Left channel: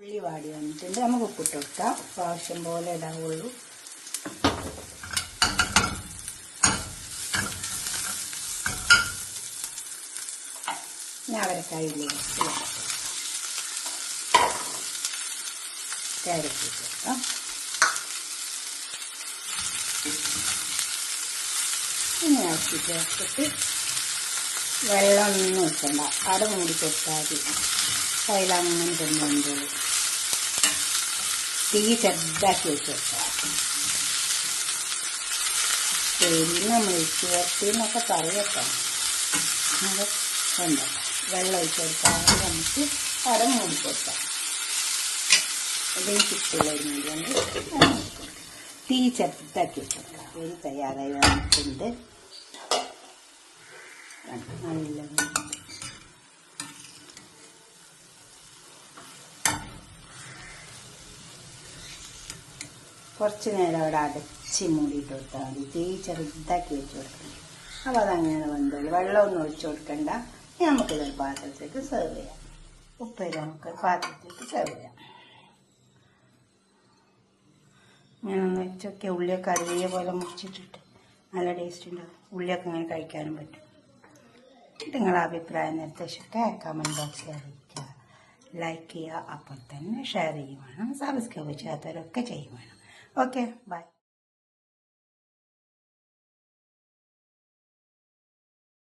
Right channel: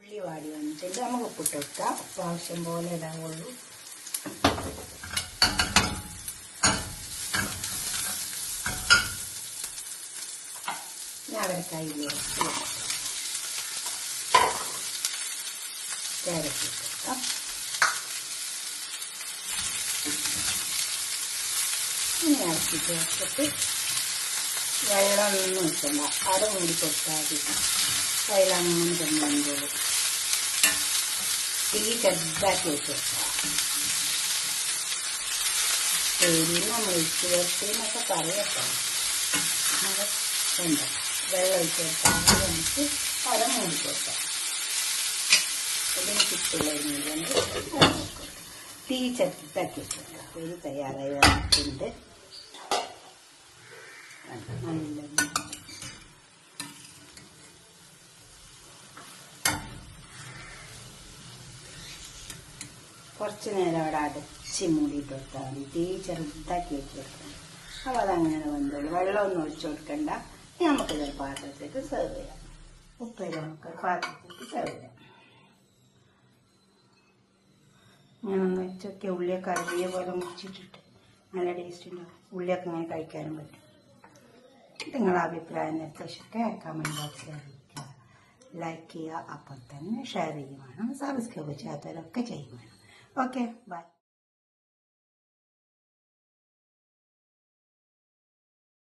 ഉള്ളി വാടി വന്നിട്ടുണ്ട്. നമുക്ക് ഉപ്പിട്ട് കൊടുക്കാം. ആവശ്യം പോലെ ഇടാവുള്ളൂ. അവരക്കായില്ലേ ക്യാരറ്റ് ഇട്ട് ഇങ്ങനെ ആക്കി ചേർത്തിട്ട് വെള്ളം ഒന്നും വെക്കണ്ട, അട മൂടി കൊടുത്താൽ മതി. കയ്യിലങ്ങനെ തിന്നുമ്പോൾ തീ ചെറുതാക്കി വെച്ച് വെക്കാം. പിന്നെ ഒഴിച്ച് വരട്ടി എന്നൊക്കെ പറയട്ടോ. ഉണ്ട് വെള്ളം ഒഴിച്ച് കൊടുത്താൽ നമുക്ക് അട മൂടി കൊടുക്കാം. അതിന് ചുറ്റുള്ള തീ ചെറുതാക്കി വെച്ചോളാം. ഇത് തയ്യാറായി വന്നിട്ടുണ്ട്. നല്ല കുറച്ച് നേരം അവിടെ അടച്ച് മൂടിയിട്ട് കൊടുത്താൽ മതി. തീ ചെറുതാക്കി വെച്ച് കൊടുക്കണം. അപ്പോൾ അതങ്ങനെ വന്നോളൂ. വെള്ളമൊന്നും ഒഴിച്ച് കൊടുക്കണ്ട. നമുക്കിതൊരു പാത്രത്തിലേക്ക് സെർവ് ചെയ്യാം. ഉപ്പേരി നമുക്ക് പാത്രത്തിലേക്ക് സെർവ് ചെയ്യാം. ഞാനൊന്ന് വെച്ചൊക്കെ ഉള്ളിയൊക്കെ അരിയ പോലെ മുറിച്ചിട്ടിട്ട് നല്ല ടേസ്റ്റ് ഉണ്ടാവും. ഉള്ളിയൊക്കെ ഇങ്ങനെ കഴിക്കാനും പറ്റും. നിങ്ങളുടെ അഭിപ്രായം നിർദ്ദേശമൊക്കെ കമൻറ്റ് ബോക്സിൽ അറിയിക്കുക. ലൈക്ക് ചെയ്യുക. അപ്പോൾ തന്നെ ഷെയർ ചെയ്യുവാനും സബ്സ്ക്രൈബ് ചെയ്യാത്തവരൊക്കെ ചെയ്യുവാനും. Okay, by.